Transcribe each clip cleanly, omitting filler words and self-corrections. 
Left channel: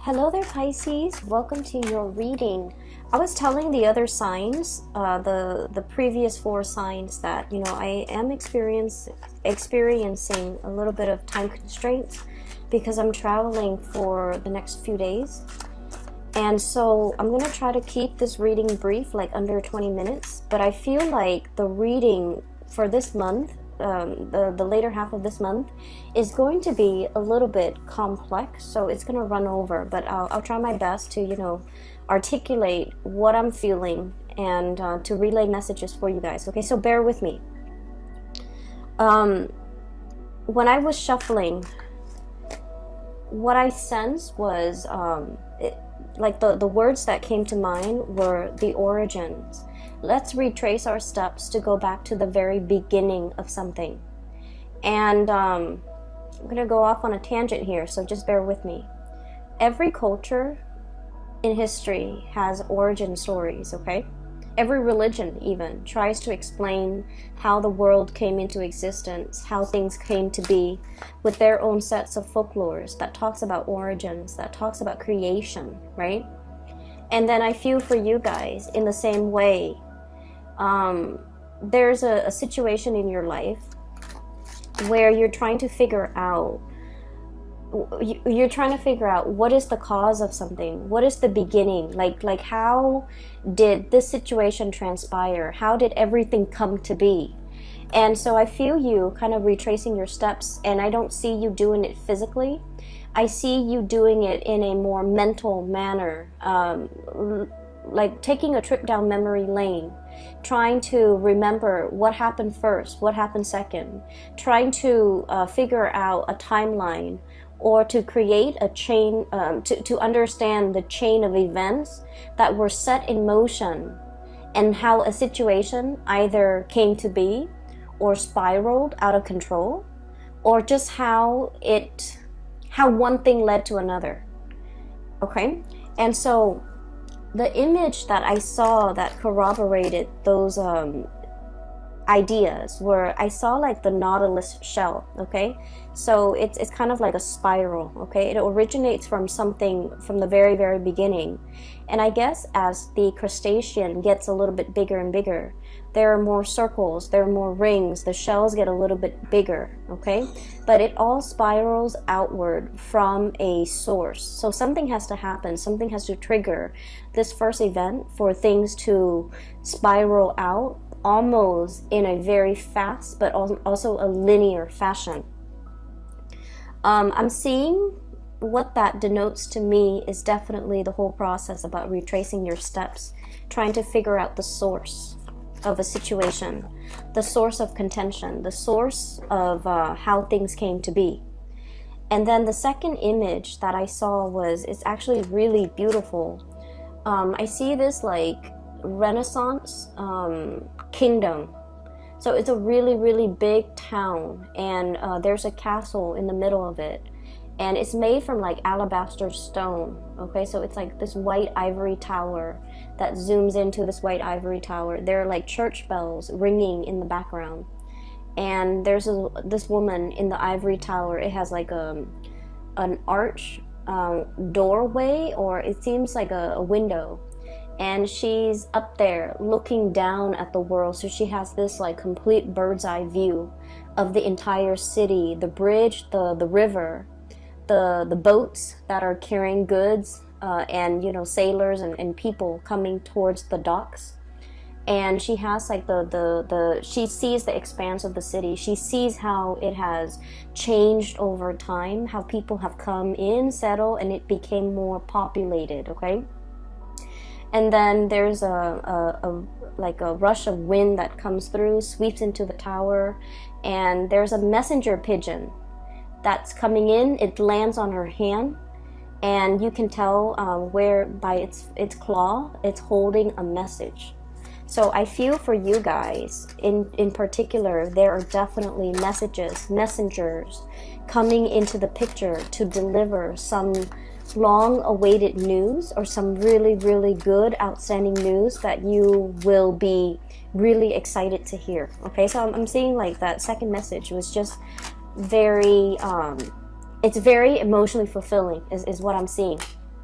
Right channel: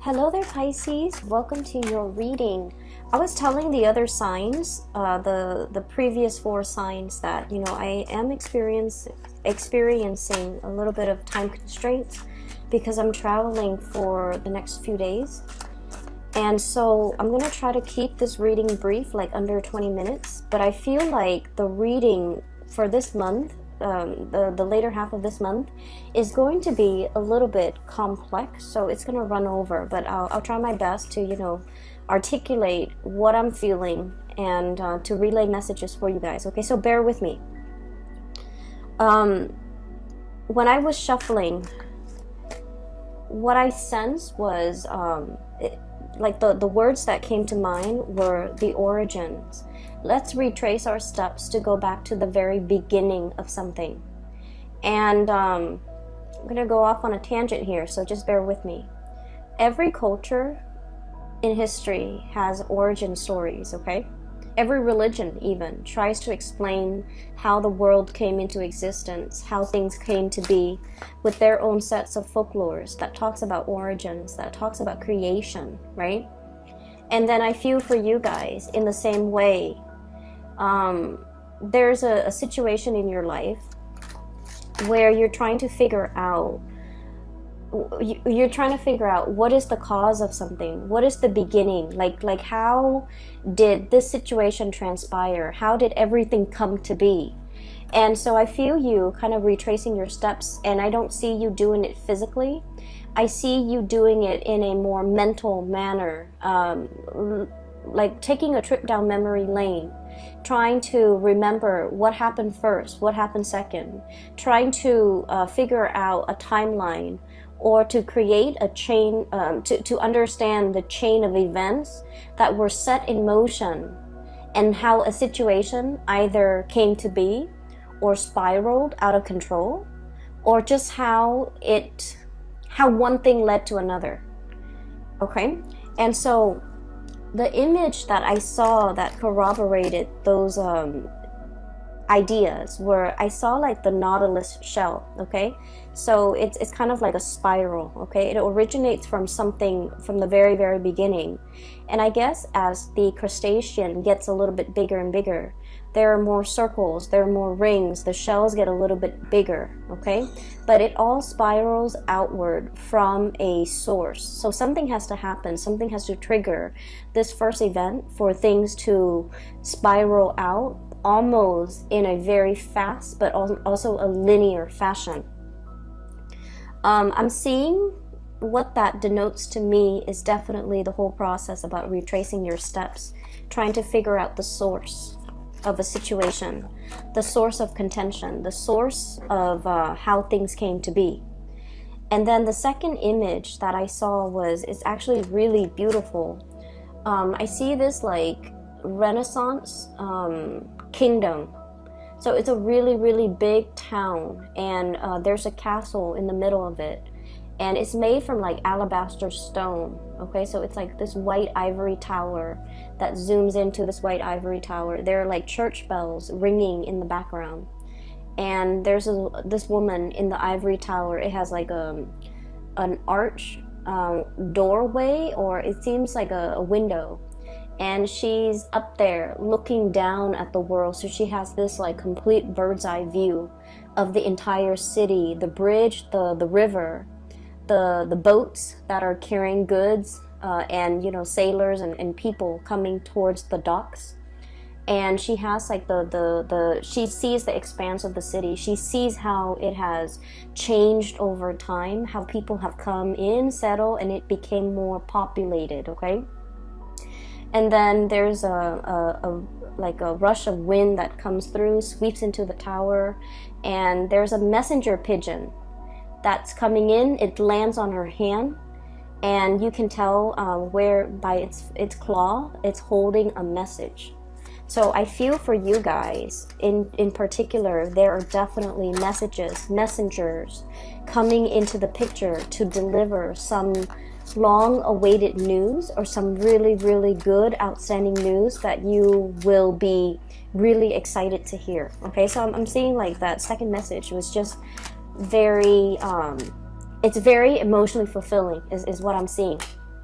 Hello there, Pisces. Welcome to your reading. I was telling the other signs, the previous four signs, that I am experiencing a little bit of time constraints because I'm traveling for the next few days, and so I'm going to try to keep this reading brief, like under 20 minutes. But I feel like the reading for this month, the later half of this month, is going to be a little bit complex, so it's going to run over, but I'll try my best to articulate what I'm feeling and to relay messages for you guys. Okay, so bear with me. When I was shuffling, what I sensed was the words that came to mind were the origins. Let's retrace our steps to go back to the very beginning of something. And I'm going to go off on a tangent here, so just bear with me. Every culture in history has origin stories, okay? Every religion even tries to explain how the world came into existence, how things came to be, with their own sets of folklores that talks about origins, that talks about creation, right? And then I feel for you guys in the same way. There's a situation in your life where you're trying to figure out what is the cause of something, what is the beginning, like how did this situation transpire, how did everything come to be. And so I feel you kind of retracing your steps, and I don't see you doing it physically. I see you doing it in a more mental manner, like taking a trip down memory lane, trying to remember what happened first, what happened second, trying to figure out a timeline, or to create a chain, to understand the chain of events that were set in motion, and how a situation either came to be or spiraled out of control, or just how one thing led to another. Okay? And so the image that I saw that corroborated those ideas were, I saw like the Nautilus shell, okay? So it's kind of like a spiral, okay? It originates from something from the very, very beginning. And I guess as the crustacean gets a little bit bigger and bigger, there are more circles, there are more rings, the shells get a little bit bigger, okay? But it all spirals outward from a source. So something has to happen, something has to trigger this first event for things to spiral out almost in a very fast but also a linear fashion. I'm seeing what that denotes to me is definitely the whole process about retracing your steps, trying to figure out the source of a situation, the source of contention, the source of how things came to be. And then the second image that I saw is actually really beautiful. I see this like Renaissance kingdom. So it's a really, really big town, and there's a castle in the middle of it, and it's made from like alabaster stone, okay? So it's like this white ivory tower that zooms into this white ivory tower. There are like church bells ringing in the background, and there's this woman in the ivory tower. It has like an arch doorway, or it seems like a window, and she's up there looking down at the world. So she has this like complete bird's eye view of the entire city, the bridge, the river, the boats that are carrying goods, and sailors and people coming towards the docks. And she has like she sees the expanse of the city. She sees how it has changed over time, how people have come in, settled, and it became more populated, okay? And then there's a rush of wind that comes through, sweeps into the tower, and there's a messenger pigeon that's coming in. It lands on her hand, and you can tell where by its claw, it's holding a message. So I feel for you guys, in particular, there are definitely messengers coming into the picture to deliver some long-awaited news, or some really, really good, outstanding news that you will be really excited to hear. Okay, so I'm seeing like that second message was just very, it's very emotionally fulfilling, is what I'm seeing.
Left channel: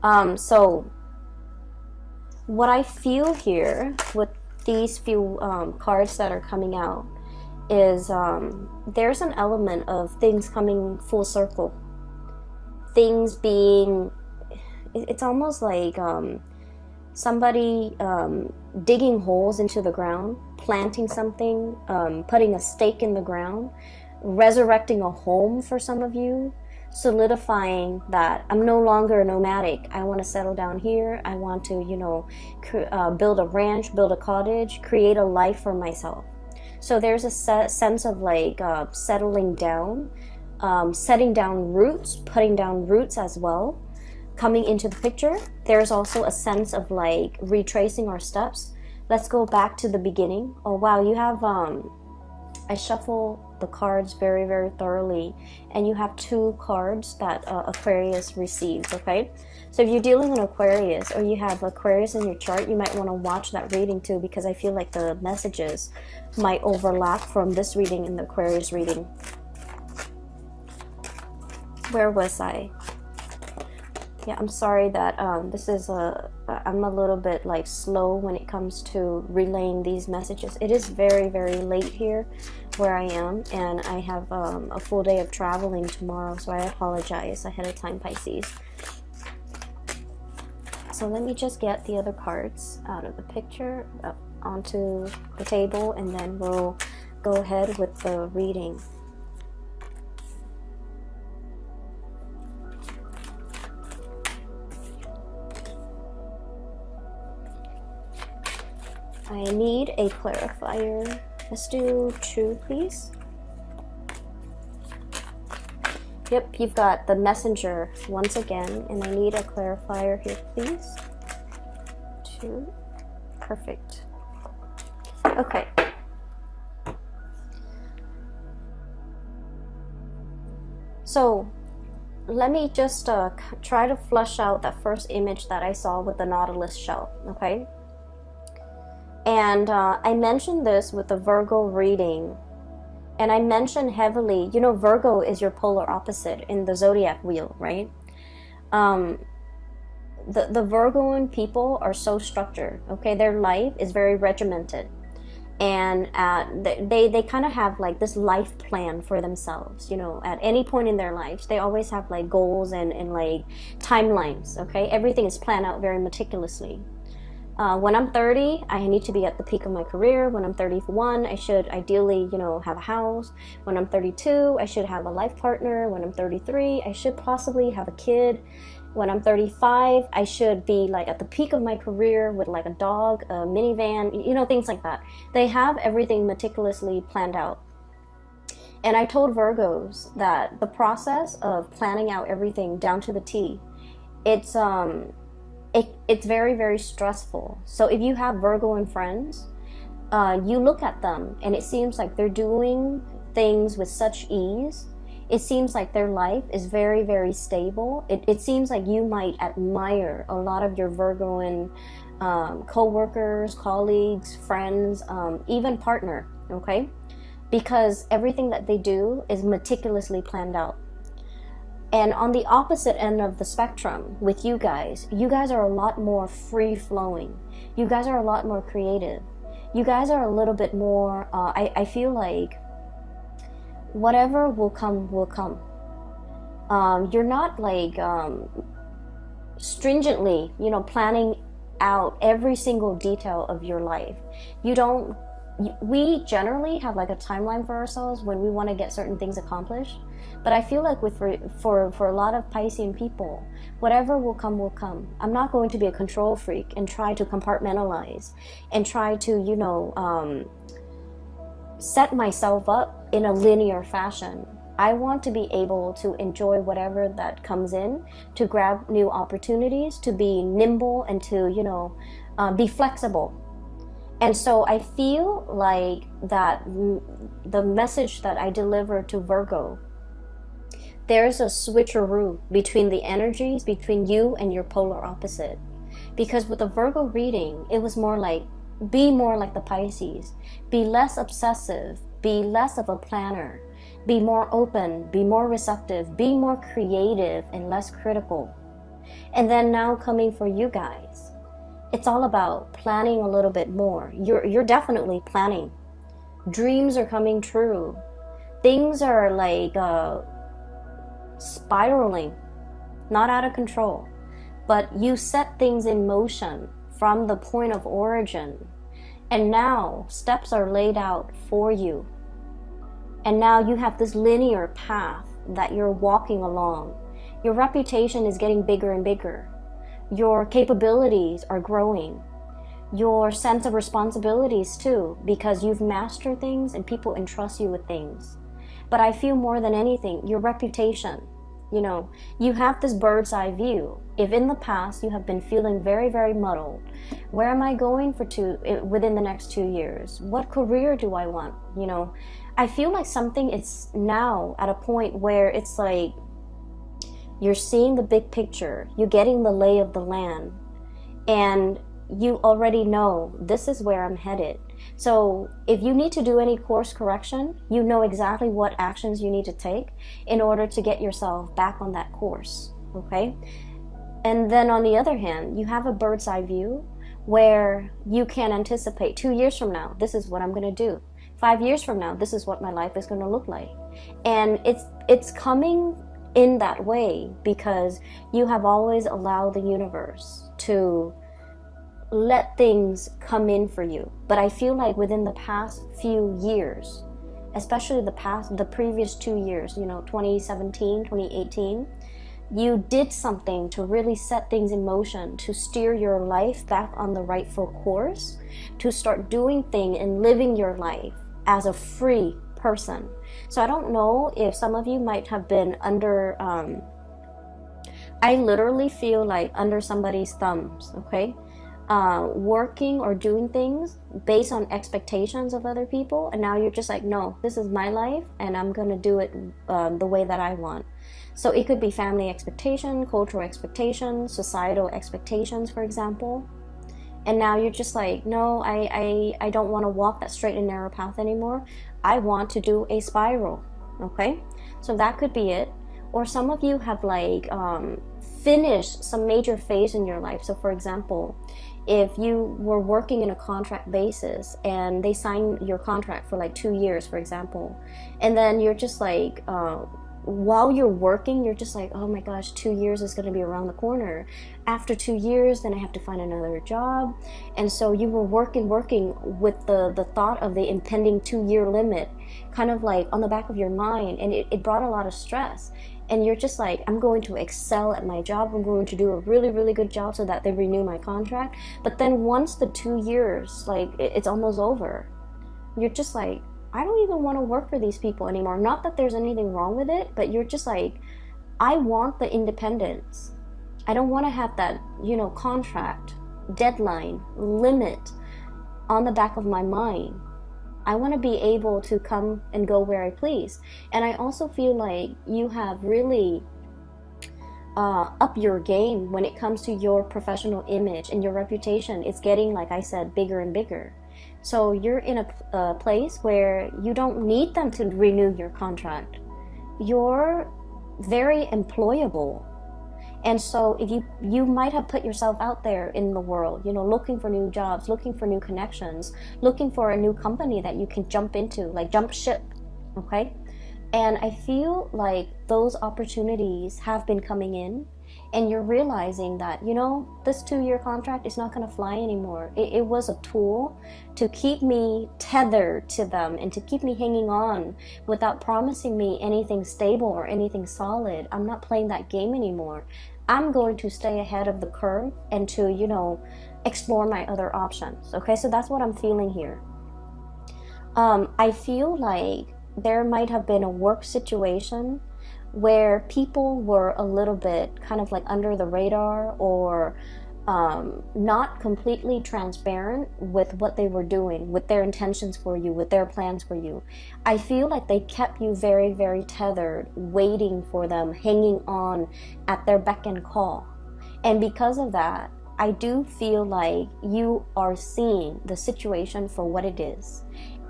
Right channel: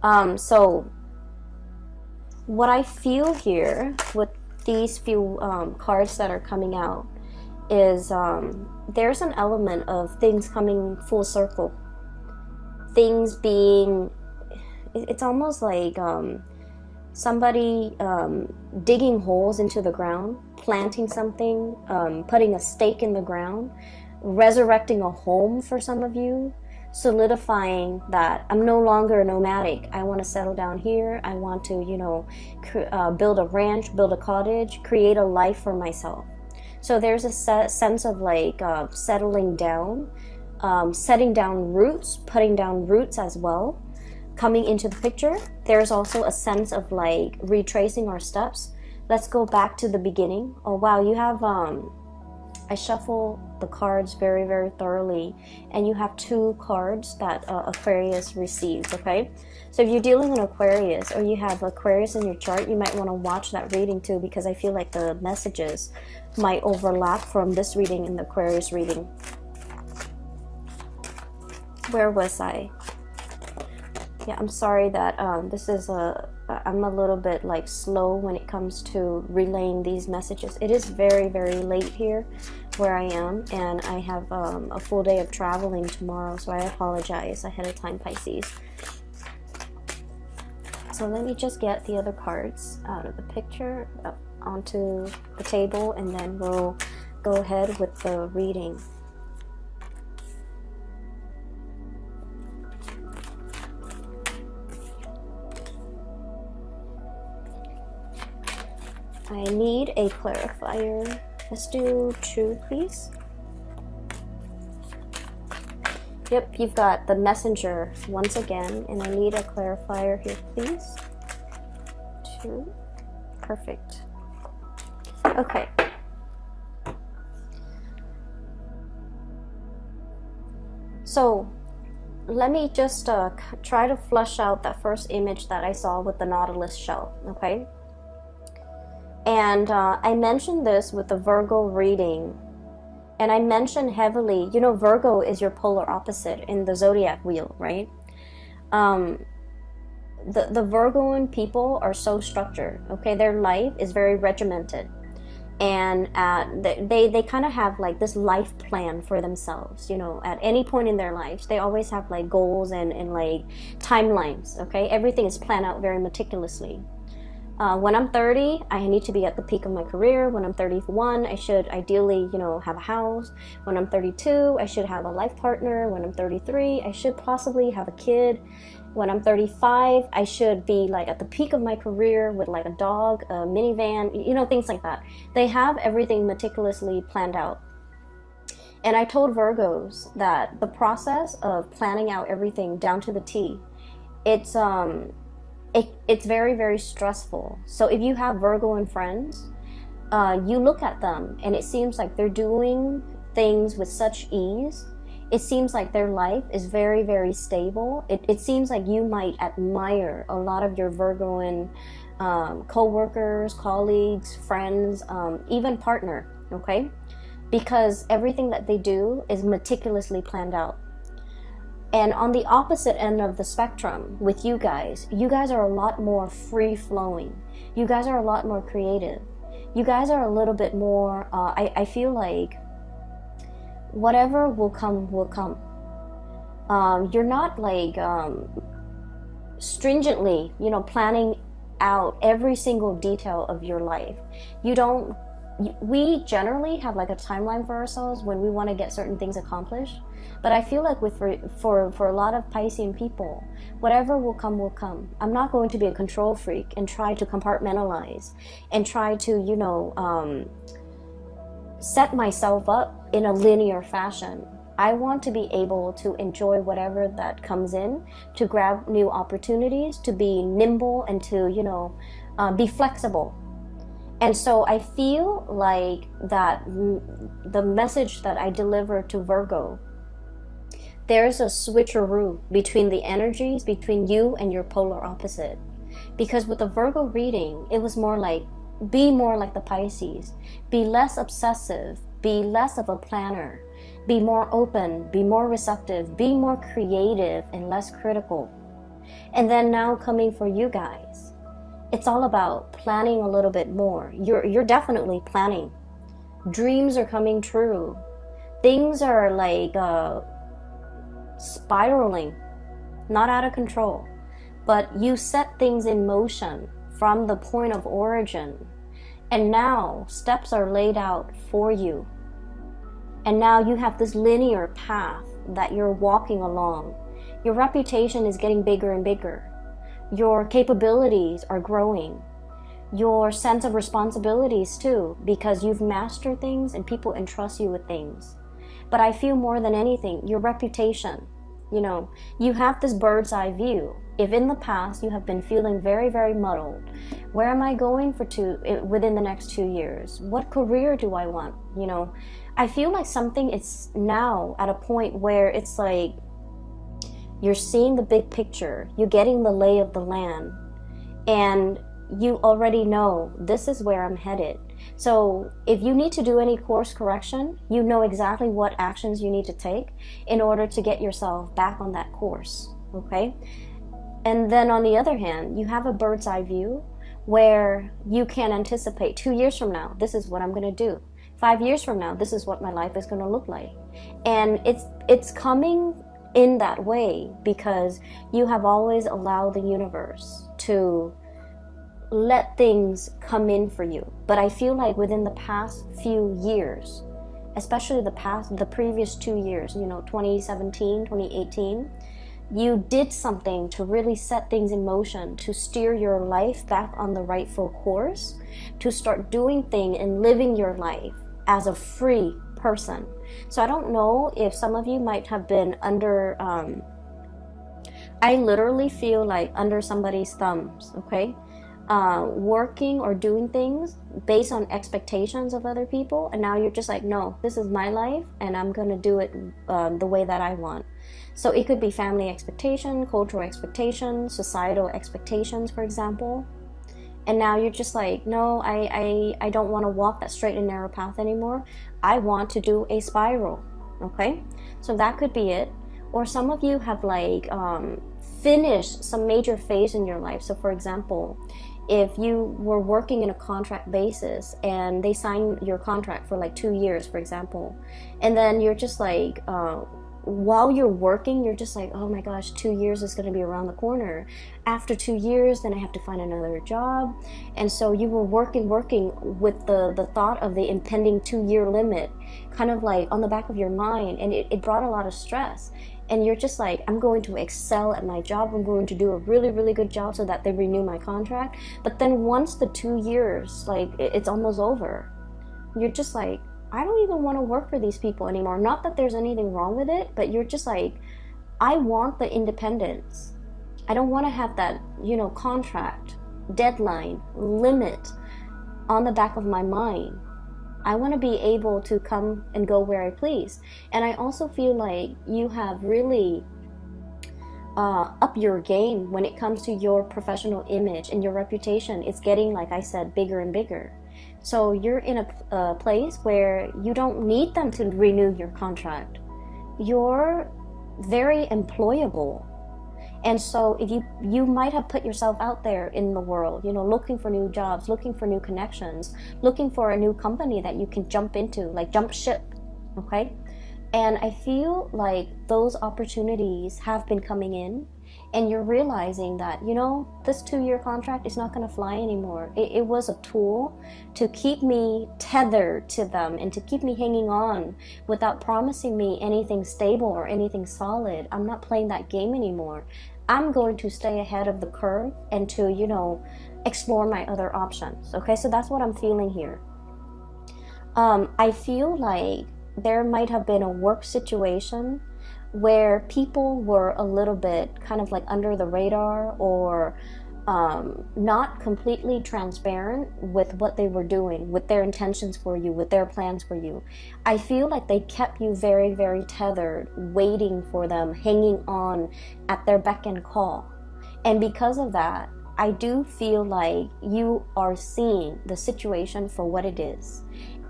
So what I feel here with these few cards that are coming out is there's an element of things coming full circle. Things being, it's almost like somebody digging holes into the ground, planting something, putting a stake in the ground, resurrecting a home for some of you, solidifying that I'm no longer nomadic. I want to settle down here. I want to, you know, build a ranch, build a cottage, create a life for myself. So there's a sense of like settling down, setting down roots, putting down roots as well, coming into the picture. There's also a sense of like retracing our steps. Let's go back to the beginning. Oh wow, you have I shuffle the cards very, very thoroughly, and you have 2 cards that Aquarius received, okay? So if you're dealing with Aquarius, or you have Aquarius in your chart, you might want to watch that reading too, because I feel like the messages might overlap from this reading and the Aquarius reading. Where was I? Yeah, I'm sorry that this is I'm a little bit like slow when it comes to relaying these messages. It is very, very late here where I am, and I have a full day of traveling tomorrow, so I apologize ahead of time, Pisces. So let me just get the other cards out of the picture onto the table, and then we'll go ahead with the reading. I need a clarifier. Let's do 2, please. Yep, you've got the messenger once again, and I need a clarifier here, please. 2. Perfect. Okay. So, let me just try to flush out that first image that I saw with the Nautilus shell, okay? And I mentioned this with the Virgo reading, and I mentioned heavily, you know, Virgo is your polar opposite in the zodiac wheel, right? The Virgoan people are so structured, okay? Their life is very regimented, and they kind of have like this life plan for themselves, you know, at any point in their lives. They always have like goals and like timelines, okay? Everything is planned out very meticulously. When I'm 30, I need to be at the peak of my career. When I'm 31, I should ideally, you know, have a house. When I'm 32, I should have a life partner. When I'm 33, I should possibly have a kid. When I'm 35, I should be like at the peak of my career with like a dog, a minivan, you know, things like that. They have everything meticulously planned out. And I told Virgos that the process of planning out everything down to the T, it's very, very stressful. So if you have Virgoan friends, you look at them and it seems like they're doing things with such ease. It seems like their life is very, very stable. It seems like you might admire a lot of your Virgoan co-workers, colleagues, friends, even partner, okay? Because everything that they do is meticulously planned out. And on the opposite end of the spectrum with you guys are a lot more free-flowing. You guys are a lot more creative. You guys are a little bit more, I feel like whatever will come, will come. You're not like stringently, you know, planning out every single detail of your life. We generally have like a timeline for ourselves when we want to get certain things accomplished. But I feel like for a lot of Piscean people, whatever will come, will come. I'm not going to be a control freak and try to compartmentalize and try to, you know, set myself up in a linear fashion. I want to be able to enjoy whatever that comes in, to grab new opportunities, to be nimble, and to, you know, be flexible. And so I feel like that the message that I deliver to Virgo, there's a switcheroo between the energies between you and your polar opposite. Because with the Virgo reading, it was more like, be more like the Pisces. Be less obsessive. Be less of a planner. Be more open. Be more receptive. Be more creative and less critical. And then now coming for you guys, it's all about planning a little bit more. You're definitely planning. Dreams are coming true. Things are like spiraling, not out of control, but you set things in motion from the point of origin, and now steps are laid out for you, and now you have this linear path that you're walking along. Your reputation is getting bigger and bigger. Your capabilities are growing. Your sense of responsibilities too, because you've mastered things and people entrust you with things. But I feel more than anything, your reputation. You have this bird's eye view. If in the past you have been feeling very, very muddled, where am I going within the next 2 years? What career do I want? I feel like something is now at a point where it's like you're seeing the big picture, you're getting the lay of the land, and you already know this is where I'm headed. So if you need to do any course correction, you know exactly what actions you need to take in order to get yourself back on that course, okay? And then on the other hand, you have a bird's eye view where you can anticipate 2 years from now, this is what I'm going to do. 5 years from now, this is what my life is going to look like. And it's coming in that way because you have always allowed the universe to let things come in for you. But I feel like within the past few years, especially the previous 2 years, 2017, 2018, you did something to really set things in motion, to steer your life back on the rightful course, to start doing things and living your life as a free person. So I don't know if some of you might have been under, I literally feel like under somebody's thumbs, okay? Working or doing things based on expectations of other people, and now you're just like, no, this is my life and I'm gonna do it the way that I want. So it could be family expectation, cultural expectations, societal expectations, for example. And now you're just like, no, I don't want to walk that straight and narrow path anymore. I want to do a spiral, okay? So that could be it. Or some of you have like finished some major phase in your life. So for example, if you were working in a contract basis and they sign your contract for like 2 years, for example, and then you're just like, while you're working, you're just like, oh my gosh, 2 years is going to be around the corner. After 2 years, then I have to find another job. And so you were working with the thought of the impending 2-year limit kind of like on the back of your mind, and it brought a lot of stress. And you're just like, I'm going to excel at my job, I'm going to do a really, really good job so that they renew my contract. But then once the 2 years, like it's almost over, you're just like, I don't even want to work for these people anymore. Not that there's anything wrong with it, but you're just like, I want the independence. I don't want to have that, contract, deadline, limit on the back of my mind. I want to be able to come and go where I please. And I also feel like you have really up your game when it comes to your professional image, and your reputation is getting, like I said, bigger and bigger. So you're in a place where you don't need them to renew your contract. You're very employable. And so if you might have put yourself out there in the world, looking for new jobs, looking for new connections, looking for a new company that you can jump into, like jump ship, okay? And I feel like those opportunities have been coming in, and you're realizing that, this 2-year contract is not going to fly anymore. It was a tool to keep me tethered to them and to keep me hanging on without promising me anything stable or anything solid. I'm not playing that game anymore. I'm going to stay ahead of the curve and to, explore my other options. Okay, so that's what I'm feeling here. I feel like there might have been a work situation where people were a little bit kind of like under the radar, or not completely transparent with what they were doing, with their intentions for you, with their plans for you. I feel like they kept you very, very tethered, waiting for them, hanging on at their beck and call. And because of that, I do feel like you are seeing the situation for what it is.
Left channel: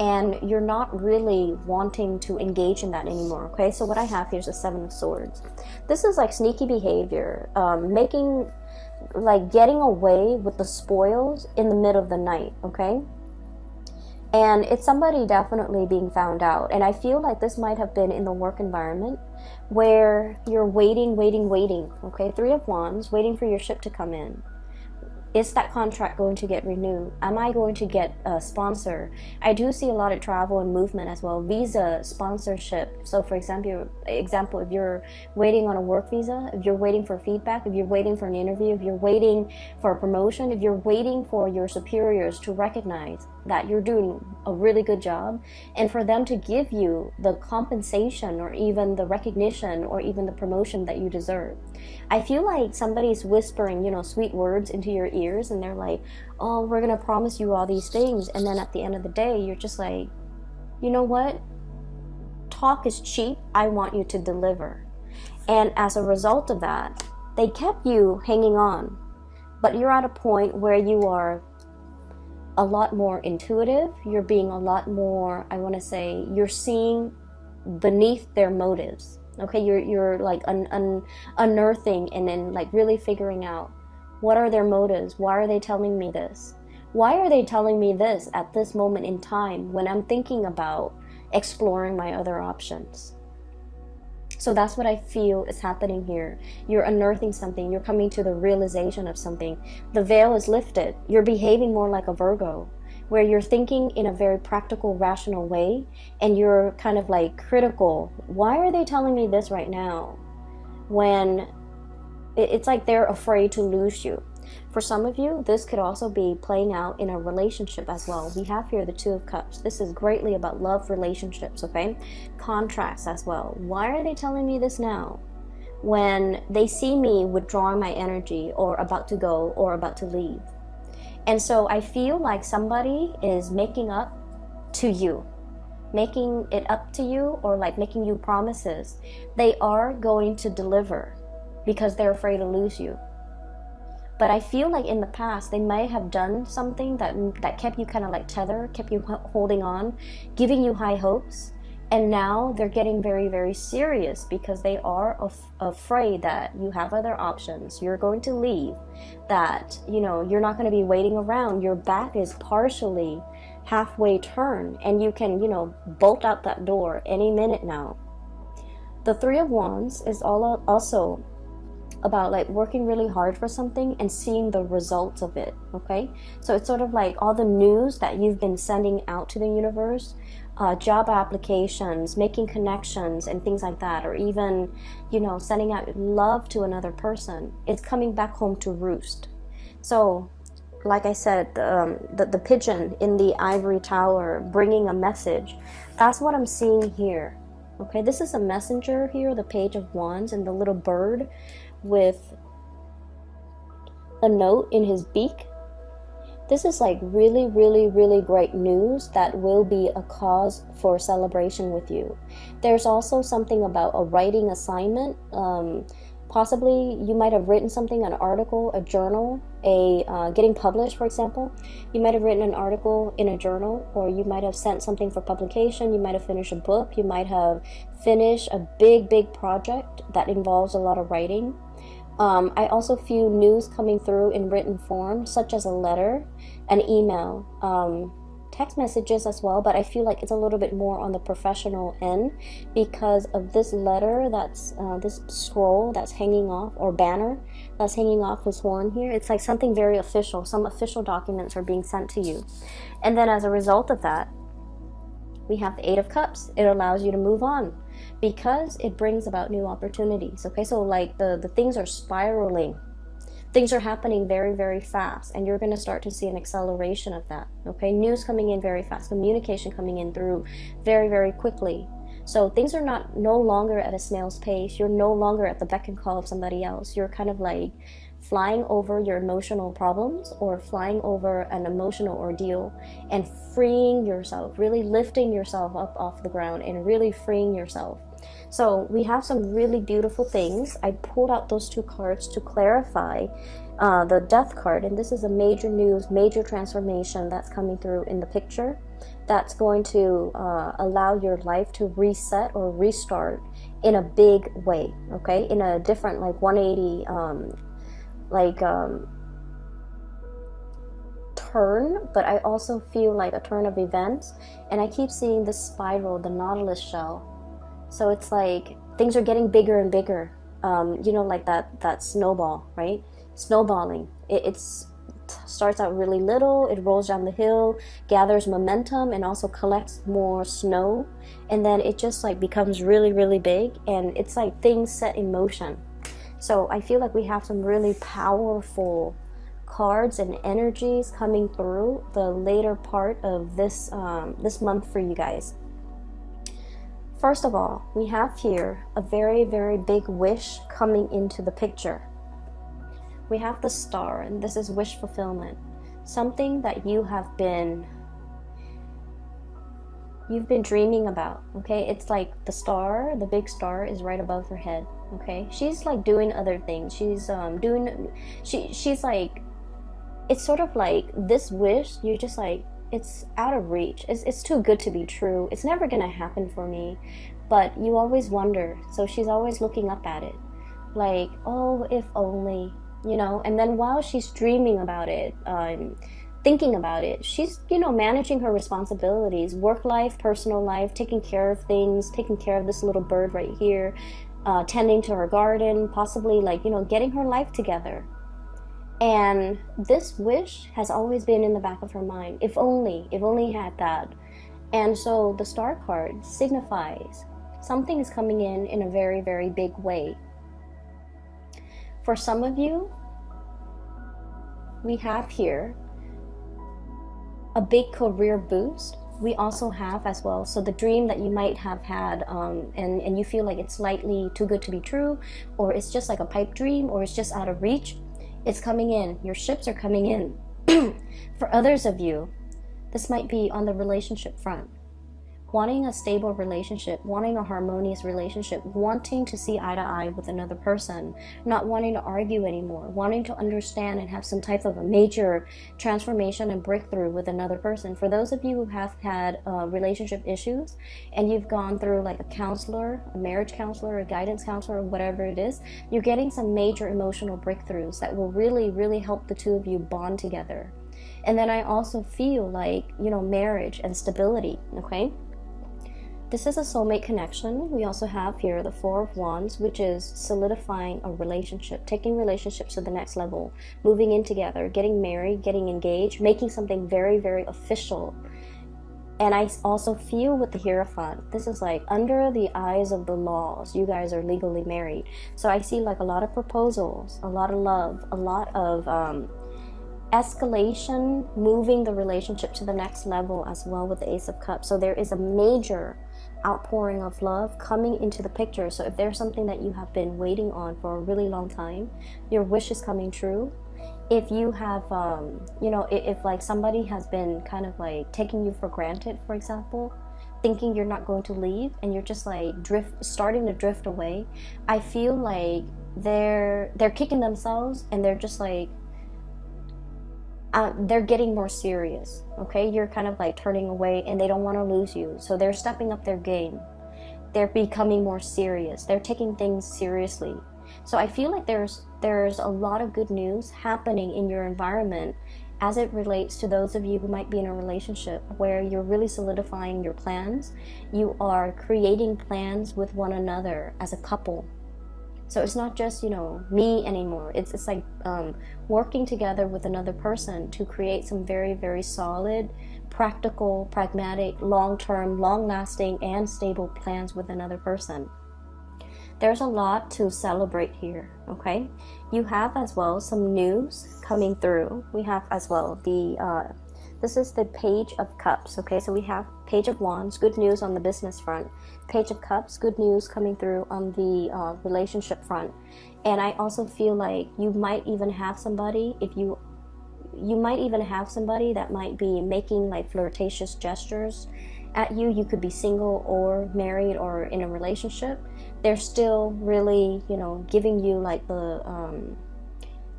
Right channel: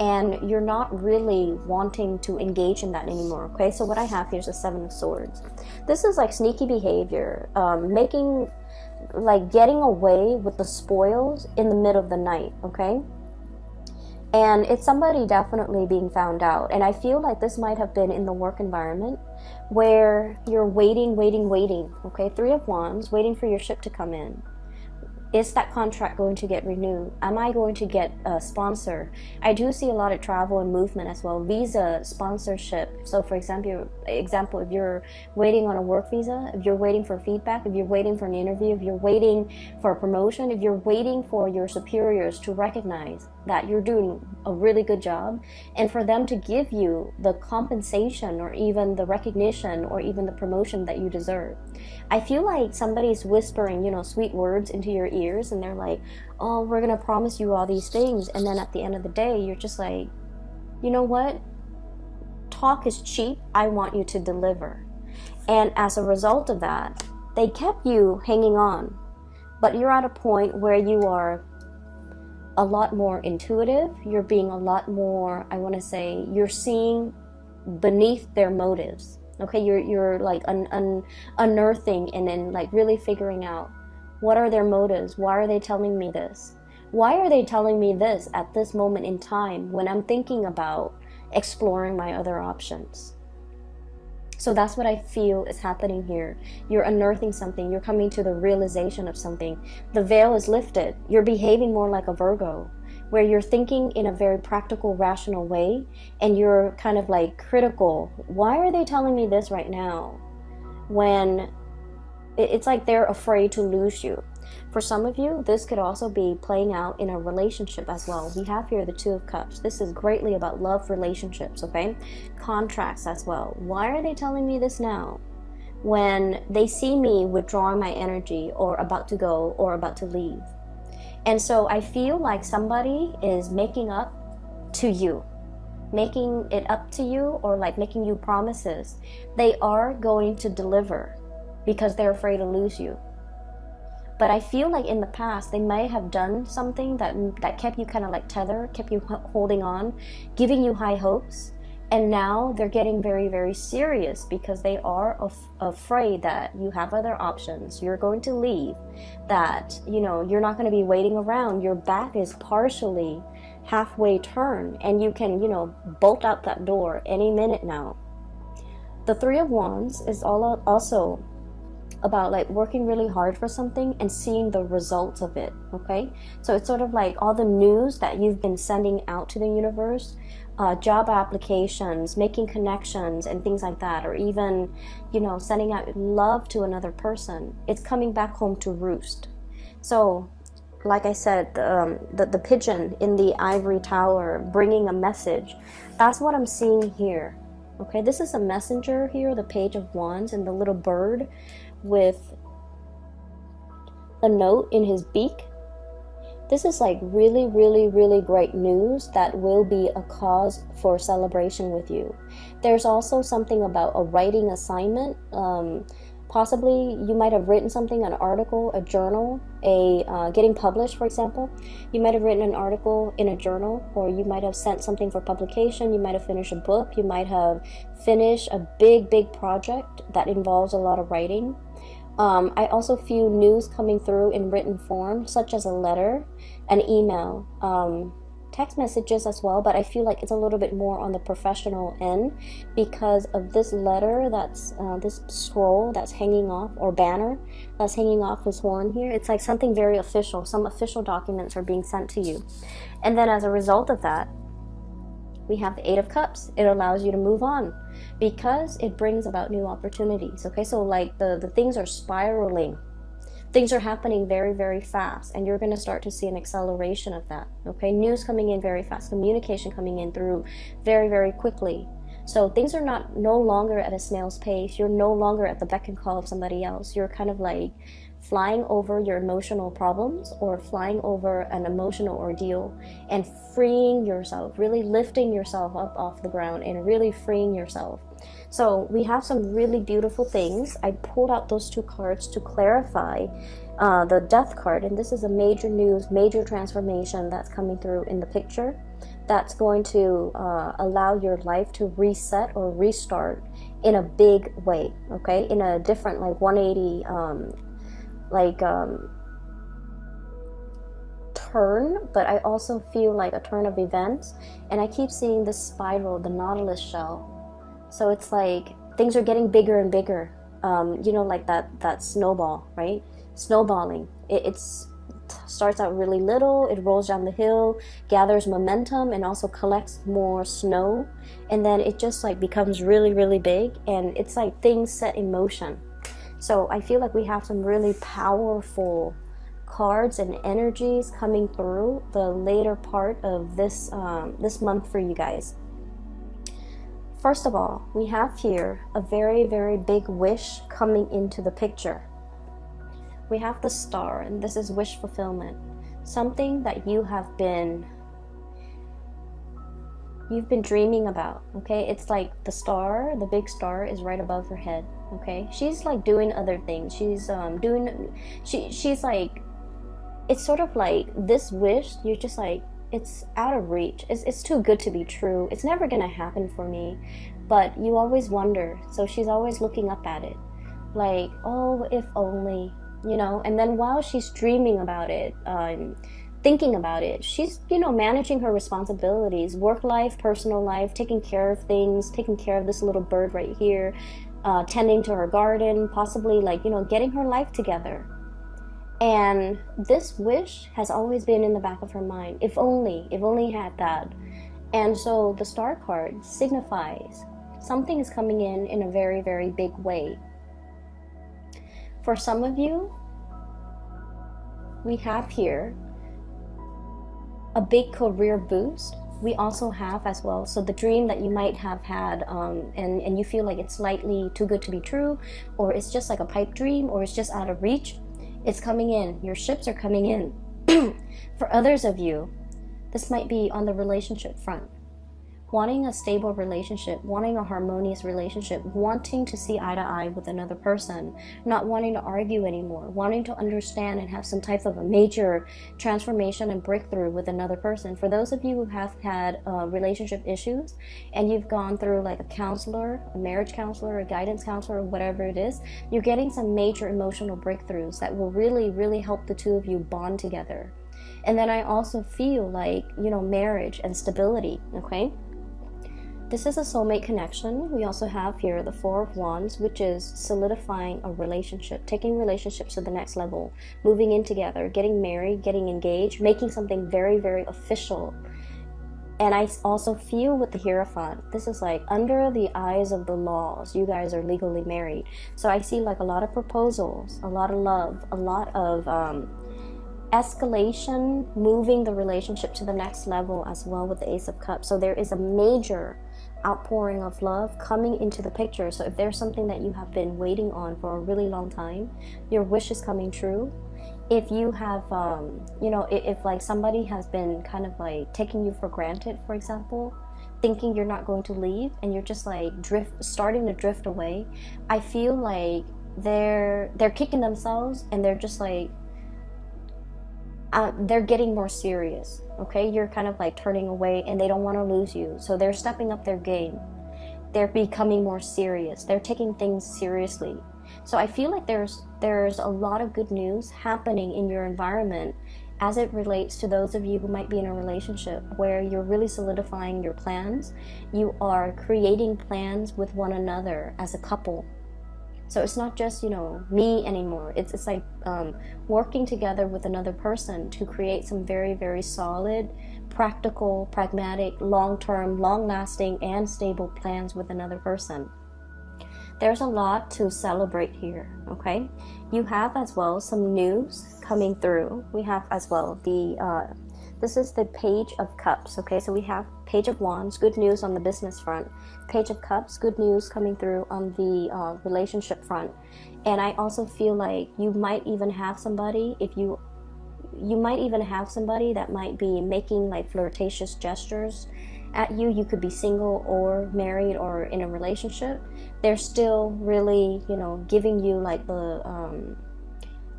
and you're not really wanting to engage in that anymore. Okay, so what I have here is a 7 of Swords. This is like sneaky behavior, getting away with the spoils in the middle of the night. Okay, and it's somebody definitely being found out. And I feel like this might have been in the work environment where you're waiting. Okay, 3 of Wands, waiting for your ship to come in. Is that contract going to get renewed? Am I going to get a sponsor? I do see a lot of travel and movement as well. Visa, sponsorship. So for example, if you're waiting on a work visa, if you're waiting for feedback, if you're waiting for an interview, if you're waiting for a promotion, if you're waiting for your superiors to recognize that you're doing a really good job, and for them to give you the compensation or even the recognition or even the promotion that you deserve. I feel like somebody's whispering, sweet words into your ears, and they're like, oh, we're going to promise you all these things. And then at the end of the day, you're just like, you know what? Talk is cheap. I want you to deliver. And as a result of that, they kept you hanging on. But you're at a point where you are a lot more intuitive. You're being a lot more, you're seeing beneath their motives. Okay, you're like unearthing and then like really figuring out, what are their motives? Why are they telling me this? Why are they telling me this at this moment in time when I'm thinking about exploring my other options? So that's what I feel is happening here. You're unearthing something. You're coming to the realization of something. The veil is lifted. You're behaving more like a Virgo, where you're thinking in a very practical, rational way, and you're kind of like critical. Why are they telling me this right now? When it's like they're afraid to lose you. For some of you, this could also be playing out in a relationship as well. We have here the 2 of Cups. This is greatly about love relationships, okay? Contracts as well. Why are they telling me this now? When they see me withdrawing my energy or about to go or about to leave. And so I feel like somebody is making it up to you, or like making you promises. They are going to deliver because they're afraid to lose you. But I feel like in the past, they might have done something that kept you kind of like tethered, kept you holding on, giving you high hopes. And now they're getting very, very serious because they are afraid that you have other options. You're going to leave, that, you're not going to be waiting around. Your back is partially halfway turned and you can, bolt out that door any minute now. The 3 of Wands is also about like working really hard for something and seeing the results of it. Okay, so it's sort of like all the news that you've been sending out to the universe, job applications, making connections and things like that, or even sending out love to another person. It's coming back home to roost. So like I said, the pigeon in the ivory tower bringing a message, that's what I'm seeing here. Okay, this is the messenger here, the Page of Wands, and the little bird with a note in his beak. This is like really, really, really great news that will be a cause for celebration with you. There's also something about a writing assignment. Possibly you might have written something, an article, a journal, getting published, for example. You might have written an article in a journal, or you might have sent something for publication. You might have finished a book. You might have finished a big, big project that involves a lot of writing. I also feel news coming through in written form, such as a letter, an email, text messages as well, but I feel like it's a little bit more on the professional end because of this letter that's this scroll that's hanging off, or banner that's hanging off his horn here. It's like something very official. Some official documents are being sent to you. And then as a result of that, we have the 8 of Cups. It allows you to move on because it brings about new opportunities. Okay, so like the things are spiraling. Things are happening very, very fast, and you're going to start to see an acceleration of that. Okay, news coming in very fast, communication coming in through very, very quickly. So things are no longer at a snail's pace. You're no longer at the beck and call of somebody else. You're kind of like flying over your emotional problems or flying over an emotional ordeal and freeing yourself, really lifting yourself up off the ground and really freeing yourself. So we have some really beautiful things. I pulled out those 2 cards to clarify the Death card, and this is a major news, major transformation that's coming through in the picture that's going to allow your life to reset or restart in a big way, okay? In a different, like 180, turn, but I also feel like a turn of events. And I keep seeing this spiral, the nautilus shell. So it's like things are getting bigger and bigger. You know, like that snowball, right? Snowballing. It starts out really little, it rolls down the hill, gathers momentum, and also collects more snow, and then it just like becomes really, really big, and it's like things set in motion. So I feel like we have some really powerful cards and energies coming through the later part of this this month for you guys. First of all, we have here a very, very big wish coming into the picture. We have the star, and this is wish fulfillment. Something that you've been dreaming about, okay? It's like the star, the big star is right above her head, okay? She's like doing other things. She's she's like, it's sort of like this wish, you're just like, it's out of reach. It's too good to be true. It's never gonna happen for me. But you always wonder. So she's always looking up at it. Like, oh, if only, you know. And then while she's dreaming about it, thinking about it, she's, you know, managing her responsibilities, work life, personal life, taking care of things, taking care of this little bird right here, tending to her garden, possibly like, you know, getting her life together. And this wish has always been in the back of her mind. If only had that. And so the star card signifies something is coming in a very, very big way. For some of you, we have here a big career boost. We also have as well, so the dream that you might have had, and you feel like it's slightly too good to be true, or it's just like a pipe dream, or it's just out of reach, it's coming in. Your ships are coming in. For others of you, this might be on the relationship front. Wanting a stable relationship, wanting a harmonious relationship, wanting to see eye to eye with another person, not wanting to argue anymore, wanting to understand and have some type of a major transformation and breakthrough with another person. For those of you who have had relationship issues and you've gone through like a counselor, a marriage counselor, a guidance counselor, whatever it is, you're getting some major emotional breakthroughs that will really, really help the two of you bond together. And then I also feel like, you know, marriage and stability, okay? This is a soulmate connection. We also have here the Four of Wands, which is solidifying a relationship, taking relationships to the next level, moving in together, getting married, getting engaged, making something very, very official. And I also feel with the Hierophant, this is like under the eyes of the laws, you guys are legally married. So I see like a lot of proposals, a lot of love, a lot of escalation, moving the relationship to the next level as well with the Ace of Cups. So there is a major outpouring of love coming into the picture. So if there's something that you have been waiting on for a really long time, your wish is coming true. If you have, you know, if like somebody has been kind of like taking you for granted, for example, thinking you're not going to leave and you're just like starting to drift away, I feel like they're kicking themselves and they're just like, they're getting more serious, okay? You're kind of like turning away and they don't want to lose you. So they're stepping up their game. They're becoming more serious. They're taking things seriously. So I feel like there's a lot of good news happening in your environment as it relates to those of you who might be in a relationship where you're really solidifying your plans. You are creating plans with one another as a couple. So it's not just, you know, me anymore. It's like working together with another person to create some very, very solid, practical, pragmatic, long-term, long-lasting, and stable plans with another person. There's a lot to celebrate here, okay? You have as well some news coming through. We have as well this is the Page of Cups, okay? So we have Page of Wands, good news on the business front. Page of Cups, good news coming through on the relationship front. And I also feel like you might even have somebody, you might even have somebody that might be making like flirtatious gestures at you. You could be single or married or in a relationship. They're still really, you know, giving you like the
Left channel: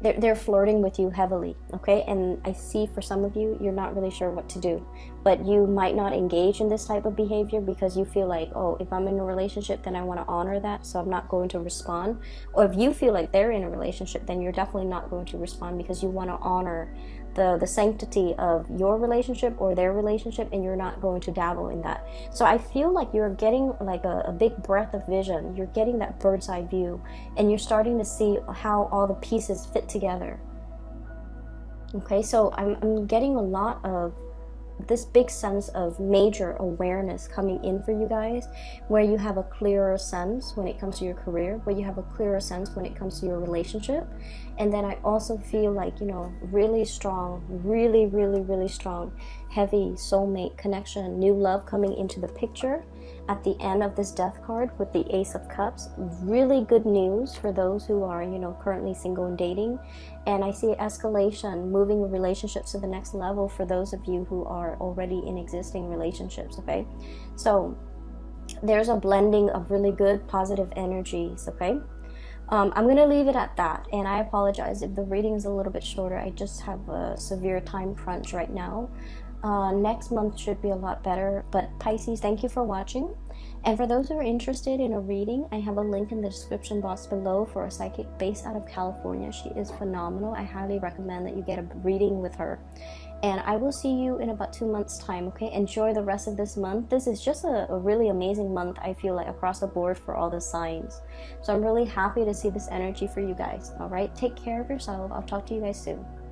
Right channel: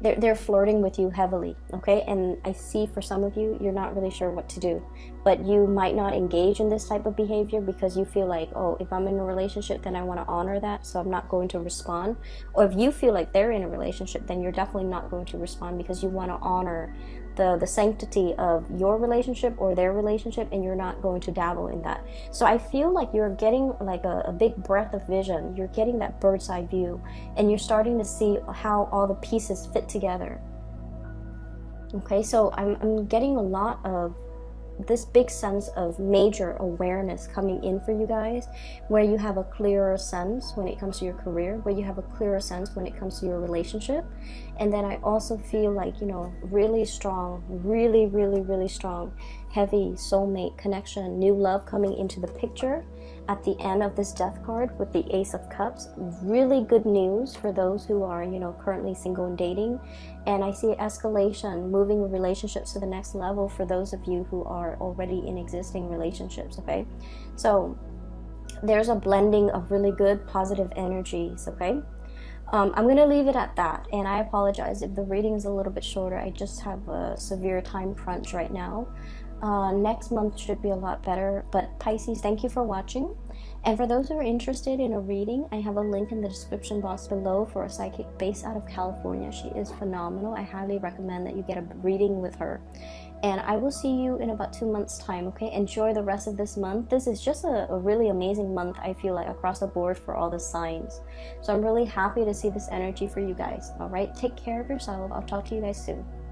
they're flirting with you heavily, okay? And I see for some of you, you're not really sure what to do, but you might not engage in this type of behavior because you feel like, oh, if I'm in a relationship, then I want to honor that, so I'm not going to respond. Or if you feel like they're in a relationship, then you're definitely not going to respond because you want to honor the sanctity of your relationship or their relationship, and you're not going to dabble in that. So I feel like you're getting like a big breath of vision. You're getting that bird's eye view, and you're starting to see how all the pieces fit together. Okay, so I'm getting a lot of this big sense of major awareness coming in for you guys, where you have a clearer sense when it comes to your career, where you have a clearer sense when it comes to your relationship. And then I also feel like, you know, really strong, really strong, heavy soulmate connection, new love coming into the picture at the end of this death card with the Ace of Cups. Really good news for those who are, you know, currently single and dating. And I see escalation, moving relationships to the next level for those of you who are already in existing relationships, okay? So there's a blending of really good positive energies, okay? I'm going to leave it at that, and I apologize if the reading is a little bit shorter. I just have a severe time crunch right now. Next month should be a lot better. But Pisces, thank you for watching. And for those who are interested in a reading, I have a link in the description box below for a psychic based out of California. She is phenomenal. I highly recommend that you get a reading with her. And I will see you in about 2 months time, okay? Enjoy the rest of this month. This is just a really amazing month, I feel like, across the board for all the signs. So I'm really happy to see this energy for you guys. All right, take care of yourself. I'll talk to you guys soon.